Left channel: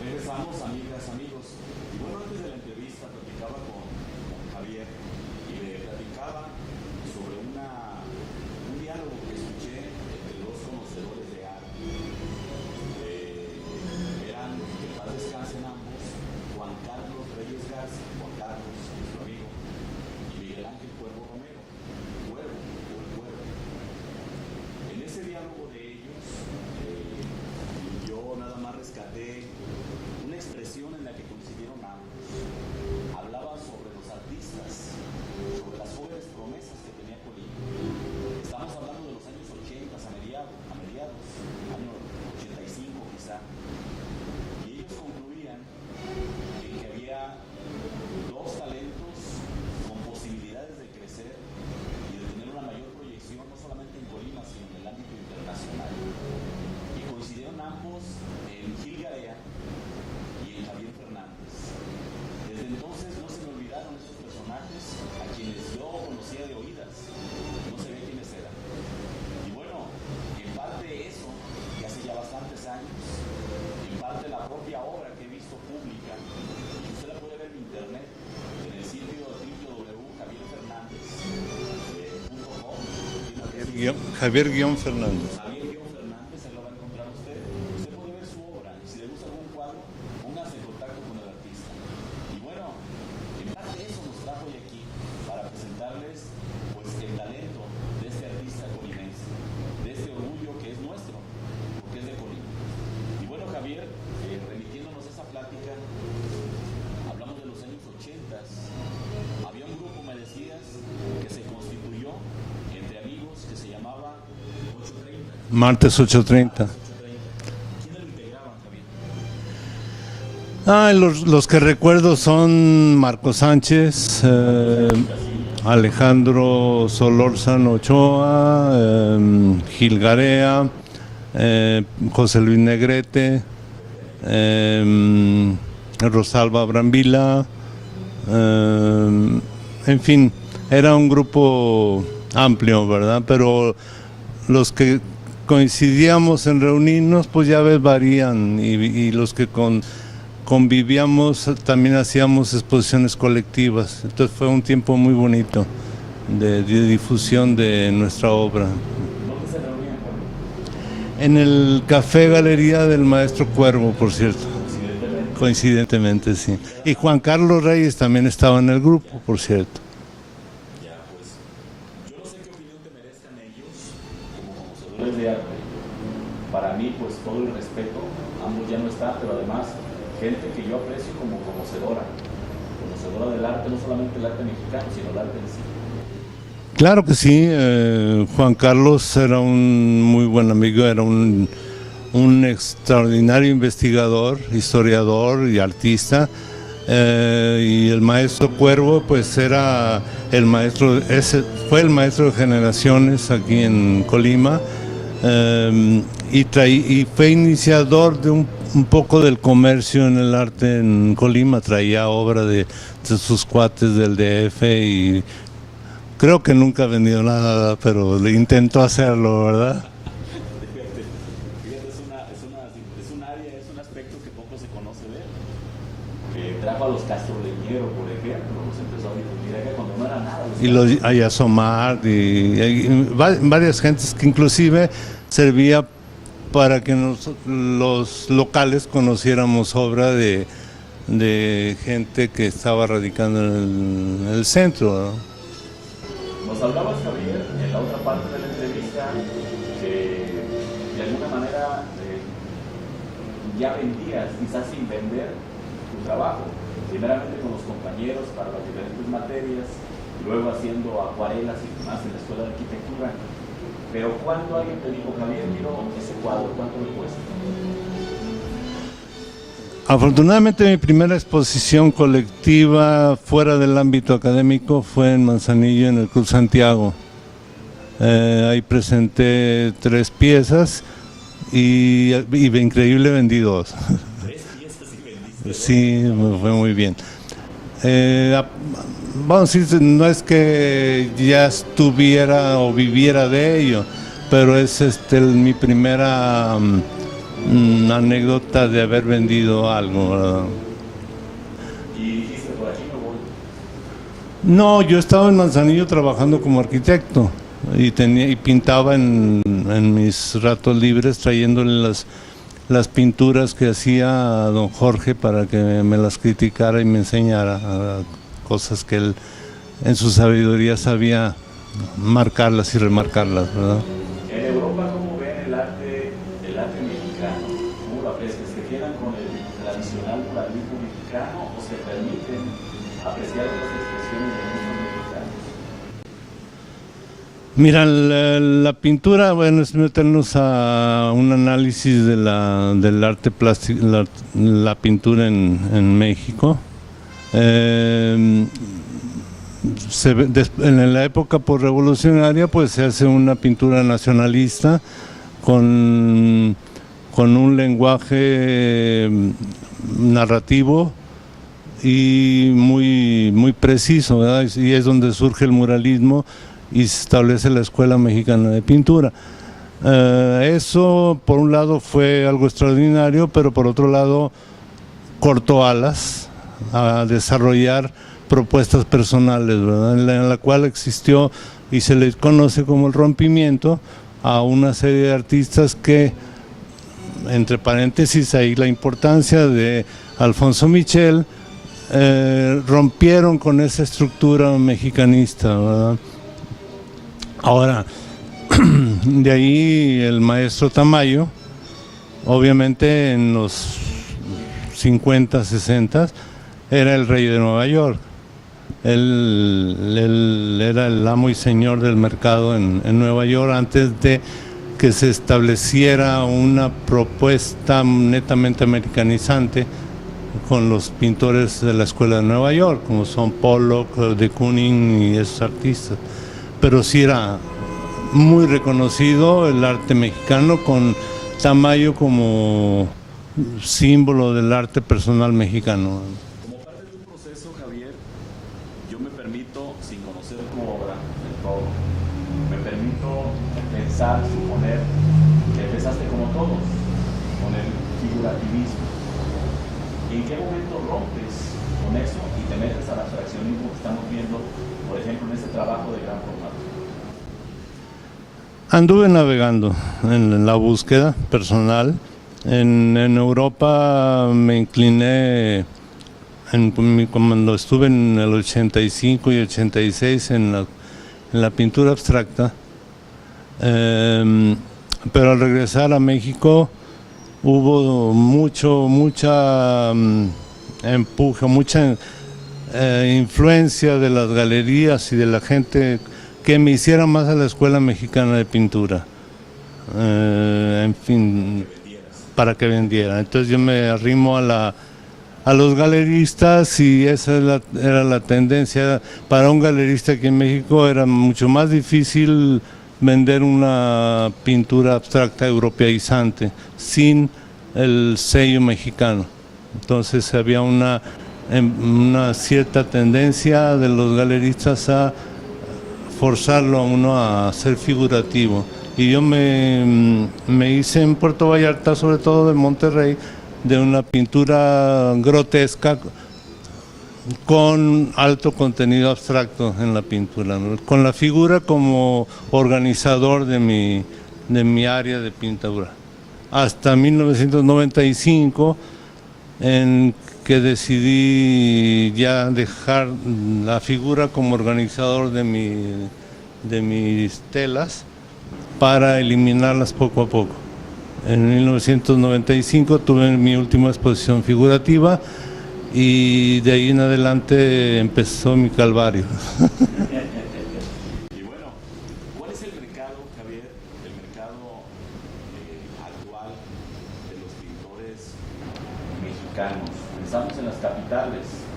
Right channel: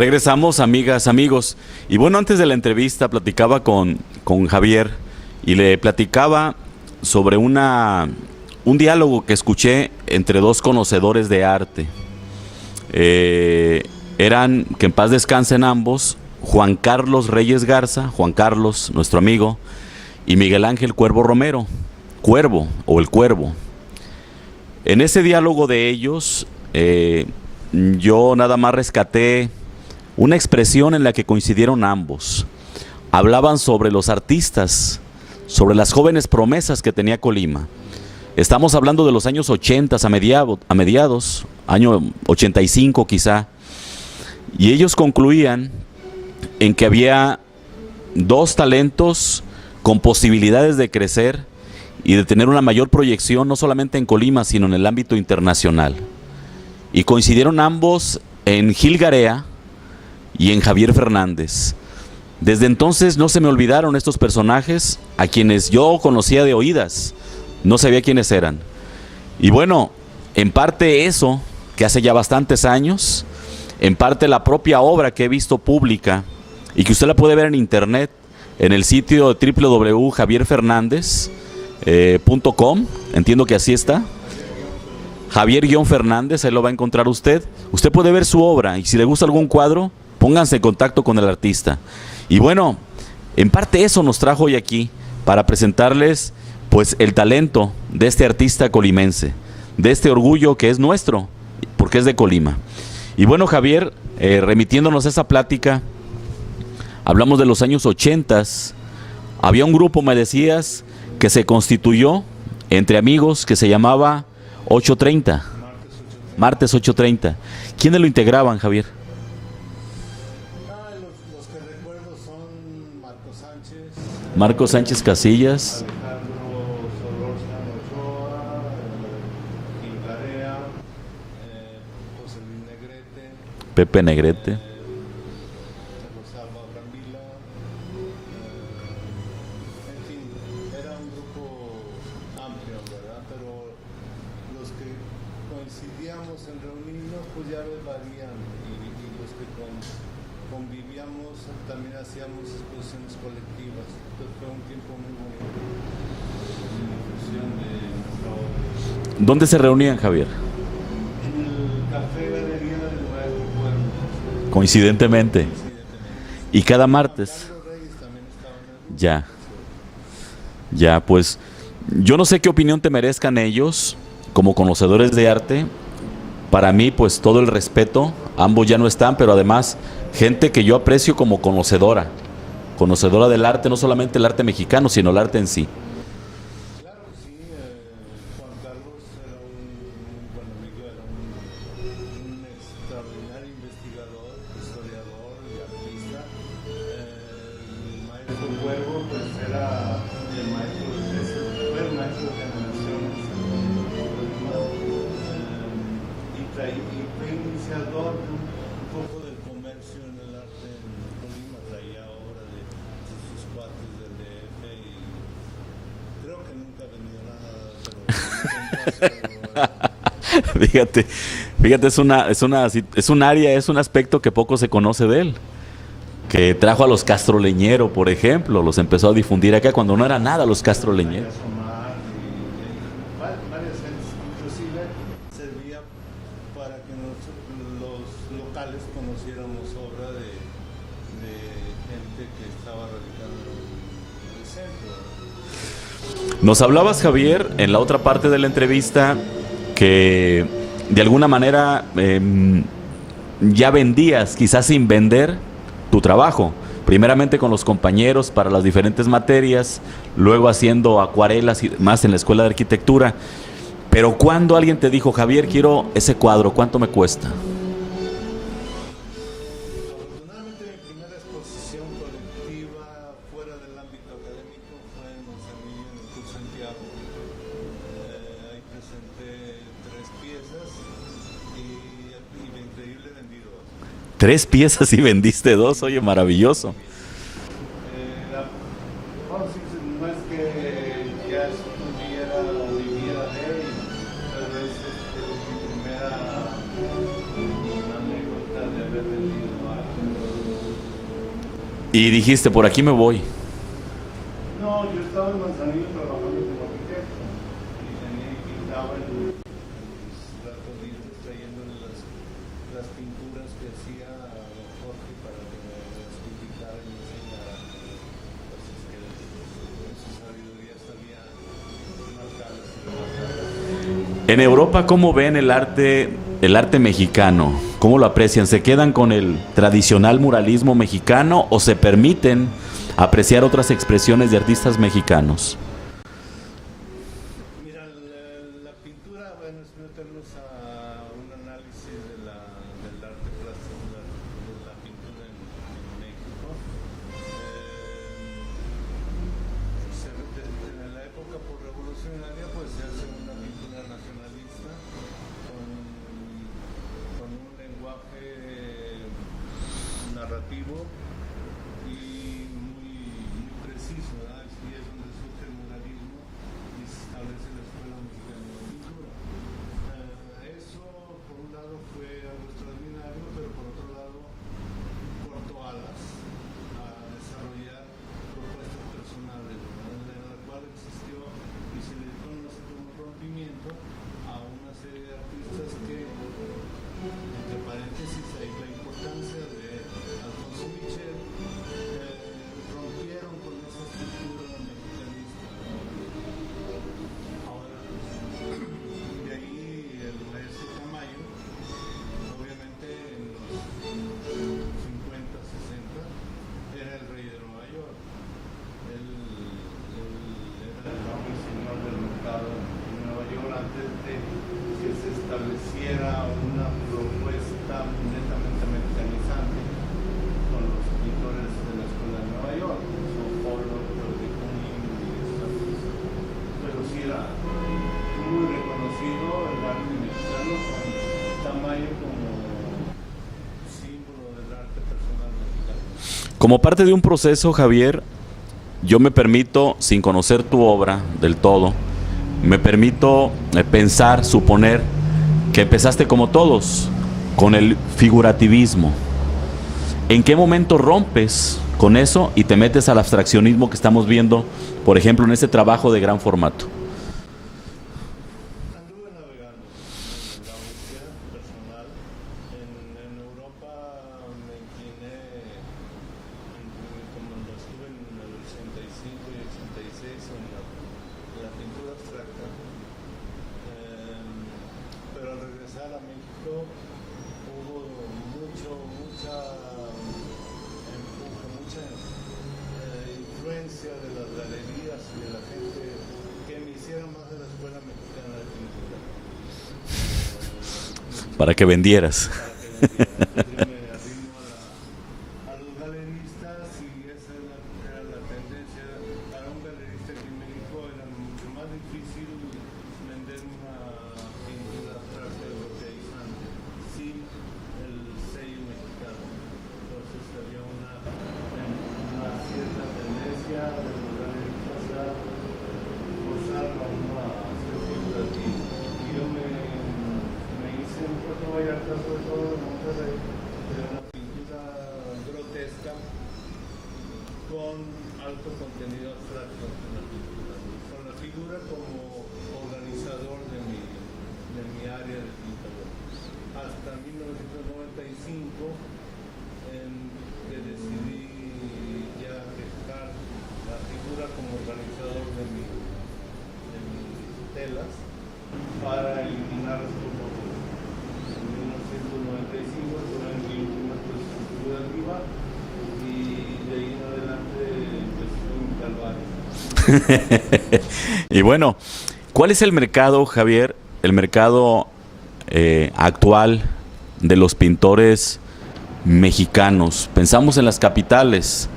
Regresamos, amigas, amigos. Y bueno, antes de la entrevista platicaba con Javier y le platicaba sobre un diálogo que escuché entre dos conocedores de arte. Eran, que en paz descansen ambos, Juan Carlos Reyes Garza, Juan Carlos, nuestro amigo, y Miguel Ángel Cuervo Romero, Cuervo o el Cuervo. En ese diálogo de ellos, yo nada más rescaté una expresión en la que coincidieron ambos. Hablaban sobre los artistas, sobre las jóvenes promesas que tenía Colima. Estamos hablando de los años 80 a mediados, año 85 quizá, y ellos concluían en que había dos talentos con posibilidades de crecer y de tener una mayor proyección, no solamente en Colima, sino en el ámbito internacional. Y coincidieron ambos en Gil Garea y en Javier Fernández. Desde entonces no se me olvidaron estos personajes, a quienes yo conocía de oídas, no sabía quiénes eran. Y bueno, en parte eso, que hace ya bastantes años, en parte la propia obra que he visto pública y que usted la puede ver en internet, en el sitio www.javierfernandez.com, entiendo que así está. Javier-Fernández. Javier-Fernández, ahí lo va a encontrar usted. Usted puede ver su obra y si le gusta algún cuadro, pónganse en contacto con el artista. Y bueno, en parte eso nos trajo hoy aquí, para presentarles pues el talento de este artista colimense, de este orgullo que es nuestro, porque es de Colima. Y bueno, Javier, remitiéndonos a esa plática, hablamos de los años 80. Había un grupo, me decías, que se constituyó entre amigos que se llamaba 830. Martes 830. Martes 830. ¿Quiénes lo integraban, Javier? Los que recuerdo son Marco Sánchez. Marco Sánchez Casillas. Alejandro Solórzano Ochoa, Gil Garea, José Luis Negrete. Pepe Negrete. Rosalba Brambila. En fin, era un grupo amplio, ¿verdad? Pero los que coincidíamos en reunirnos, pues ya ves, varían. Y los que convivíamos, también hacíamos exposiciones colectivas. Entonces fue un tiempo muy bonito de difusión de nuestra obra. ¿Dónde se reunían, Javier? En el Café Galería del Maestro Cuervo, por cierto. Coincidentemente. Coincidentemente, sí. Y cada martes. Juan Carlos Reyes también estaba en el grupo, ya, por cierto. Ya, pues yo no sé qué opinión te merezcan ellos como conocedores de arte. Para mí, pues todo el respeto. Ambos ya no están, pero además gente que yo aprecio como conocedora del arte, no solamente el arte mexicano, sino el arte en sí. Claro que sí. Juan Carlos era un muy buen amigo, era un extraordinario investigador, historiador y artista. Y el maestro Cuervo, pues era el maestro, fue el maestro de generaciones aquí en Colima. Y fue iniciador de un poco del comercio en el arte en Colima. Traía obra de sus cuates del DF y creo que nunca ha vendido nada, pero le intentó hacerlo, ¿verdad? Fíjate, es un área, es un aspecto que poco se conoce de él. Que trajo a los Castroleñero, por ejemplo, los empezó a difundir acá cuando no era nada los Castroleñero. Hay Asomar y varias gentes que inclusive servía para que los locales conociéramos obra de gente que estaba radicando en el centro, ¿no? Nos hablabas, Javier, en la otra parte de la entrevista, que de alguna manera ya vendías, quizás sin vender, tu trabajo. Primeramente con los compañeros para las diferentes materias, luego haciendo acuarelas y más en la Escuela de Arquitectura. Pero ¿cuándo alguien te dijo, Javier, quiero ese cuadro, cuánto me cuesta? Afortunadamente mi primera exposición colectiva fuera del ámbito académico fue en Manzanillo, en el Club Santiago. Ahí presenté 3 piezas y increíble vendí 2. 3 piezas y vendiste 2, sí, oye, maravilloso. Muy bien. Vamos a decir, no es que ya estuviera o viviera de ello, pero es mi primera anécdota de haber vendido algo, ¿verdad? Y dijiste, por aquí me voy. No, yo estaba en Manzanillo trabajando como arquitecto y pintaba en mis ratos libres, trayéndole las pinturas que hacía a don Jorge para que me las criticara y me enseñara cosas que él en su sabiduría sabía marcarlas y remarcarlas, ¿verdad? En Europa, ¿cómo ven el arte mexicano? ¿Cómo lo aprecian? ¿Se quedan con el tradicional muralismo mexicano o se permiten apreciar otras expresiones de artistas mexicanos? Mira, la pintura, bueno, es meternos a un análisis del arte plástico, la pintura en México. En la época posrevolucionaria, pues se hace una pintura nacionalista con un lenguaje narrativo y muy preciso, ¿verdad? Y es donde surge el muralismo y se establece la Escuela Mexicana de Pintura. Eso por un lado fue algo extraordinario, pero por otro lado cortó alas a desarrollar propuestas personales, ¿verdad? En la cual existió y se le conoce como el rompimiento a una serie de artistas que, entre paréntesis, ahí la importancia de Alfonso Michel, rompieron con esa estructura mexicanista, ¿verdad? Ahora, de ahí el maestro Tamayo, obviamente en los 50, 60, era el rey de Nueva York. Él era el amo y señor del mercado en Nueva York antes de que se estableciera una propuesta netamente americanizante con los pintores de la Escuela de Nueva York, como son Pollock, de Kooning y esos artistas. Pero sí era muy reconocido el arte mexicano, con Tamayo como símbolo del arte personal mexicano. Como parte de un proceso, Javier, yo me permito, sin conocer tu obra del todo, me permito pensar, suponer que empezaste como todos, con el figurativismo. ¿En qué momento rompes con eso y te metes al abstraccionismo que estamos viendo, por ejemplo, en este trabajo de gran formato? Anduve navegando en la búsqueda personal. En Europa me incliné, cuando estuve en el 85 y 86 en la pintura abstracta, pero al regresar a México hubo mucha empuje, mucha influencia de las galerías y de la gente que me hiciera más a la Escuela Mexicana de Pintura. En fin, para que vendieras. Para que vendiera. Entonces yo me arrimo a los galeristas y esa era la tendencia. Para un galerista aquí en México era mucho más difícil vender una pintura abstracta europeizante sin el sello mexicano. Entonces había una cierta tendencia de los galeristas a forzarlo a uno a ser figurativo. Y yo me hice en Puerto Vallarta, sobre todo en Monterrey, de una pintura grotesca con alto contenido abstracto en la pintura, ¿no? Con la figura como organizador de mi área de pintura. Hasta 1995, en que decidí ya dejar la figura como organizador de mis telas para eliminarlas poco a poco. En 1995 tuve mi última exposición figurativa y de ahí en adelante empezó mi calvario. Y bueno, ¿cuál es el mercado, Javier, el mercado actual de los pintores mexicanos? Pensamos en las capitales,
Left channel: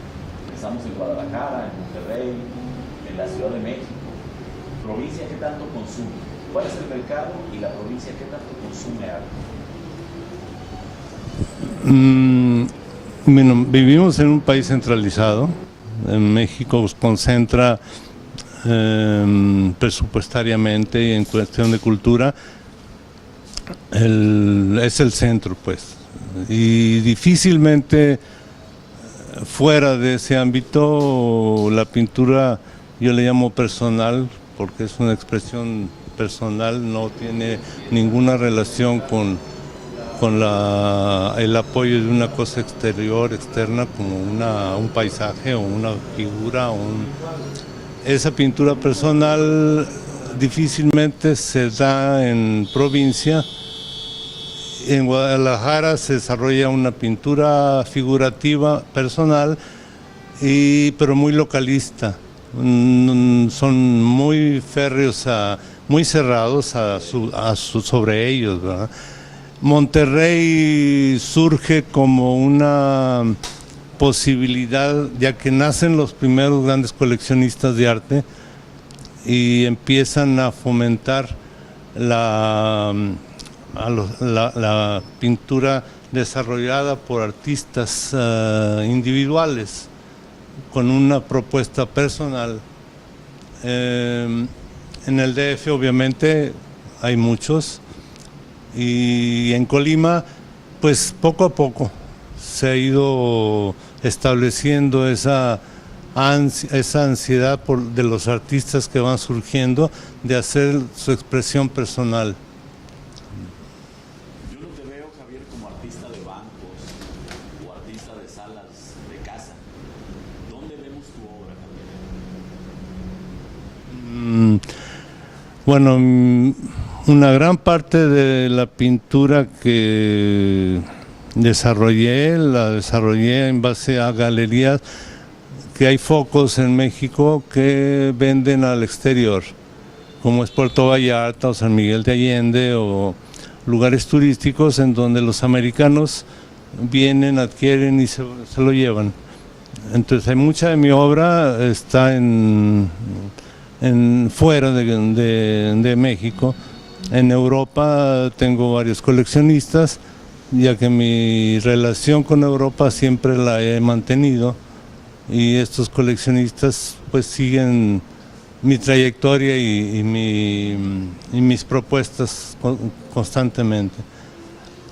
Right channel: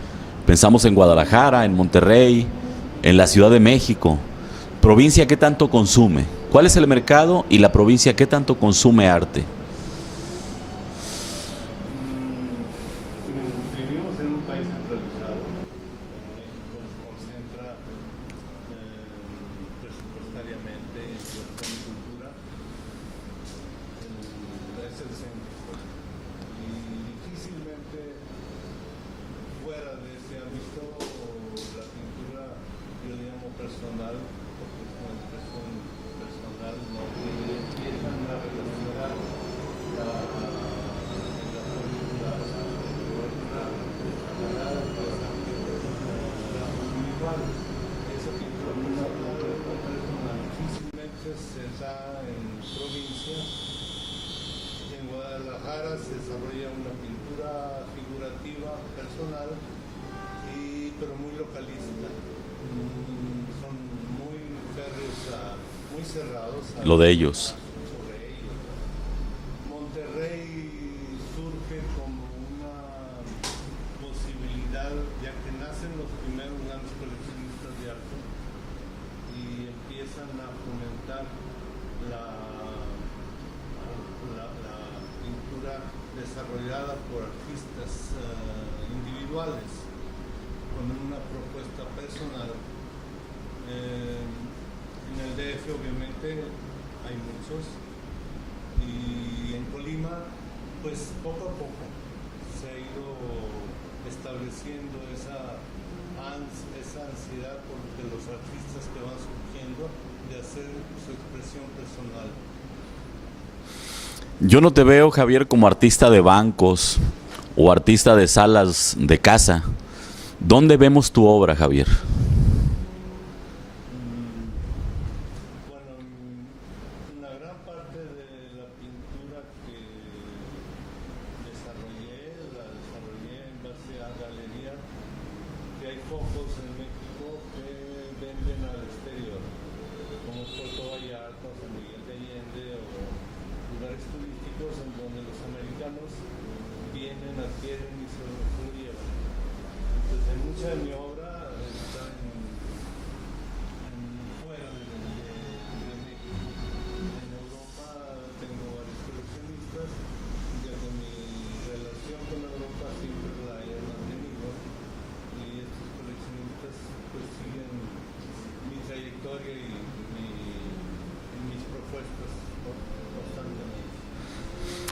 pensamos en Guadalajara, en Monterrey, en la Ciudad de México. ¿Provincia qué tanto consume? ¿Cuál es el mercado y la provincia qué tanto consume arte? Bueno, vivimos en un país centralizado. En México concentra presupuestariamente y en cuestión de cultura es el centro, pues. Y difícilmente fuera de ese ámbito la pintura, yo le llamo personal, porque es una expresión personal, no tiene ninguna relación con el apoyo de una cosa exterior, externa, como un paisaje o una figura. Esa pintura personal difícilmente se da en provincia. En Guadalajara se desarrolla una pintura figurativa personal, pero muy localista. Son muy férreos, muy cerrados sobre ellos, ¿verdad? Monterrey surge como una posibilidad, ya que nacen los primeros grandes coleccionistas de arte y empiezan a fomentar la pintura desarrollada por artistas individuales con una propuesta personal. En el DF obviamente hay muchos, y en Colima pues poco a poco se ha ido estableciendo esa ansiedad de los artistas que van surgiendo de hacer su expresión personal. Yo no te veo, Javier, como artista de bancos o artista de salas de casa. ¿Dónde vemos tu obra, Javier? Bueno, una gran parte de la pintura que la desarrollé en base a galerías, que hay focos en México que venden al exterior, como es Puerto Vallarta o San Miguel de Allende, o lugares turísticos en donde los americanos vienen, adquieren y se lo llevan. Entonces hay mucha de mi obra está fuera de México. En Europa tengo varios coleccionistas, ya que mi relación con Europa siempre la he mantenido, y estos coleccionistas pues siguen mi trayectoria y mis propuestas constantemente.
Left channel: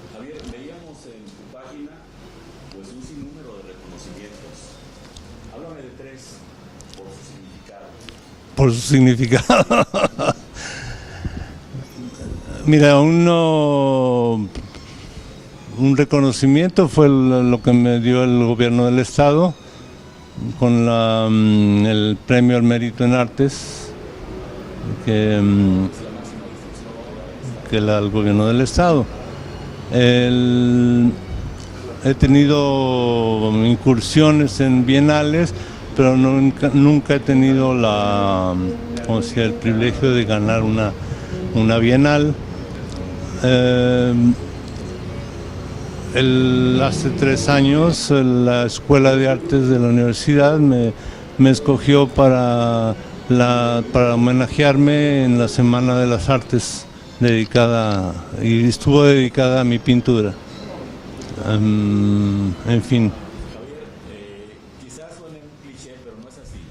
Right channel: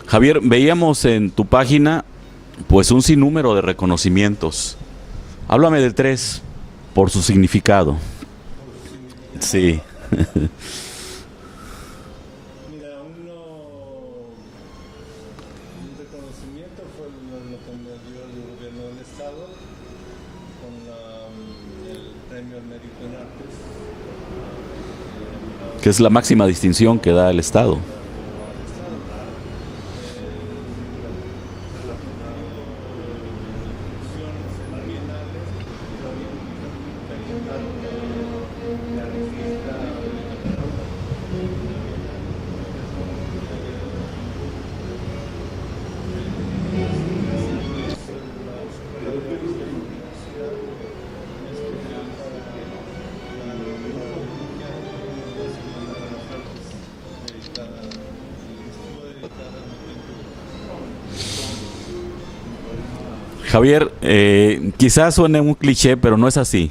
Javier, veíamos en tu página pues un sinnúmero de reconocimientos. Háblame de 3 por su significado. Por su significado. Sí. Mira, un reconocimiento fue lo que me dio el gobierno del estado con el premio al mérito en artes, que es la máxima distinción que da el estado. Que da el gobierno del estado. He tenido incursiones en bienales, pero nunca he tenido el privilegio de ganar una bienal. Hace 3 años la Escuela de Artes de la universidad me escogió para homenajearme en la Semana de las Artes, y estuvo dedicada a mi pintura. En fin. Javier, quizás suene un cliché, pero no es así.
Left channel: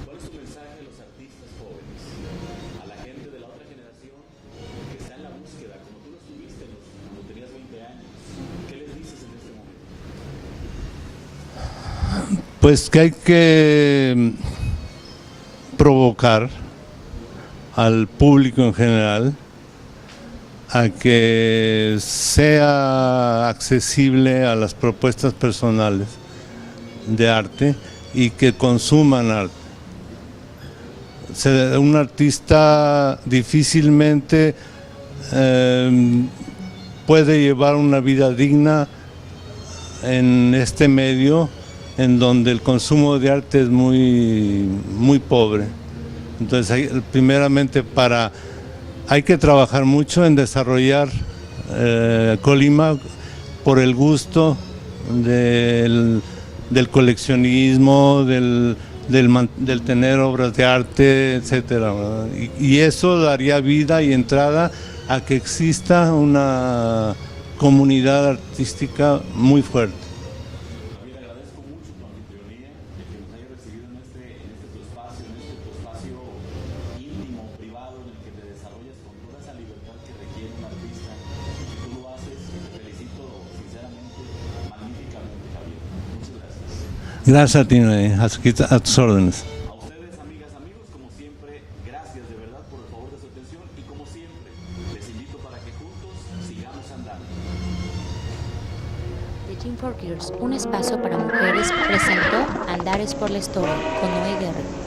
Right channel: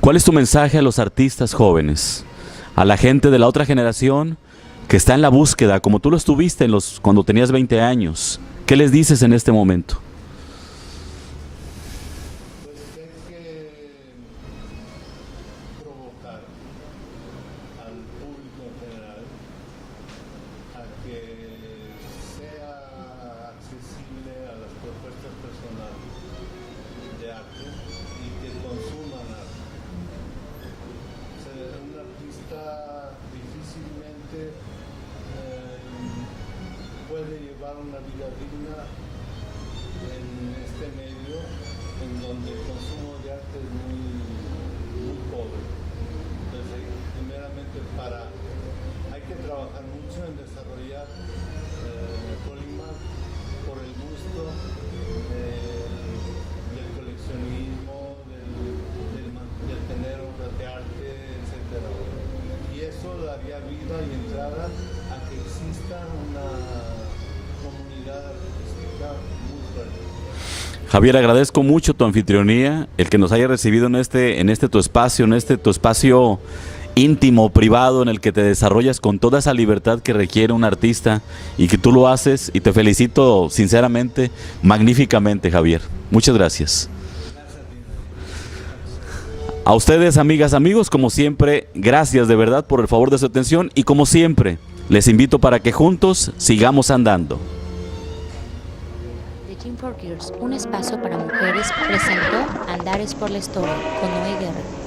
¿Cuál es tu mensaje a los artistas jóvenes, a la gente de la otra generación que está en la búsqueda, como tú lo estuviste cuando tenías 20 años? ¿Qué les dices en este momento? Pues que hay que provocar al público en general a que sea accesible a las propuestas personales de arte y que consuman arte. Un artista difícilmente puede llevar una vida digna en este medio en donde el consumo de arte es muy, muy pobre. Entonces, primeramente hay que trabajar mucho en desarrollar Colima por el gusto del coleccionismo, del tener obras de arte, etcétera, y eso daría vida y entrada a que exista una comunidad artística muy fuerte. Javier, agradezco mucho tu anfitrionía, el que nos haya recibido en este tu espacio íntimo, privado, en el que te desarrollas con toda esa libertad que requiere un artista y que tú lo haces, y te felicito sinceramente, magníficamente, Javier. Muchas gracias. Gracias a ti, a tus órdenes. A ustedes, amigas, amigos, como siempre, gracias de verdad por el favor de su atención, y como siempre, les invito para que juntos sigamos andando. The Gym for Girls, un espacio para mujeres, presentó Andares por la Historia con Noé Guerra.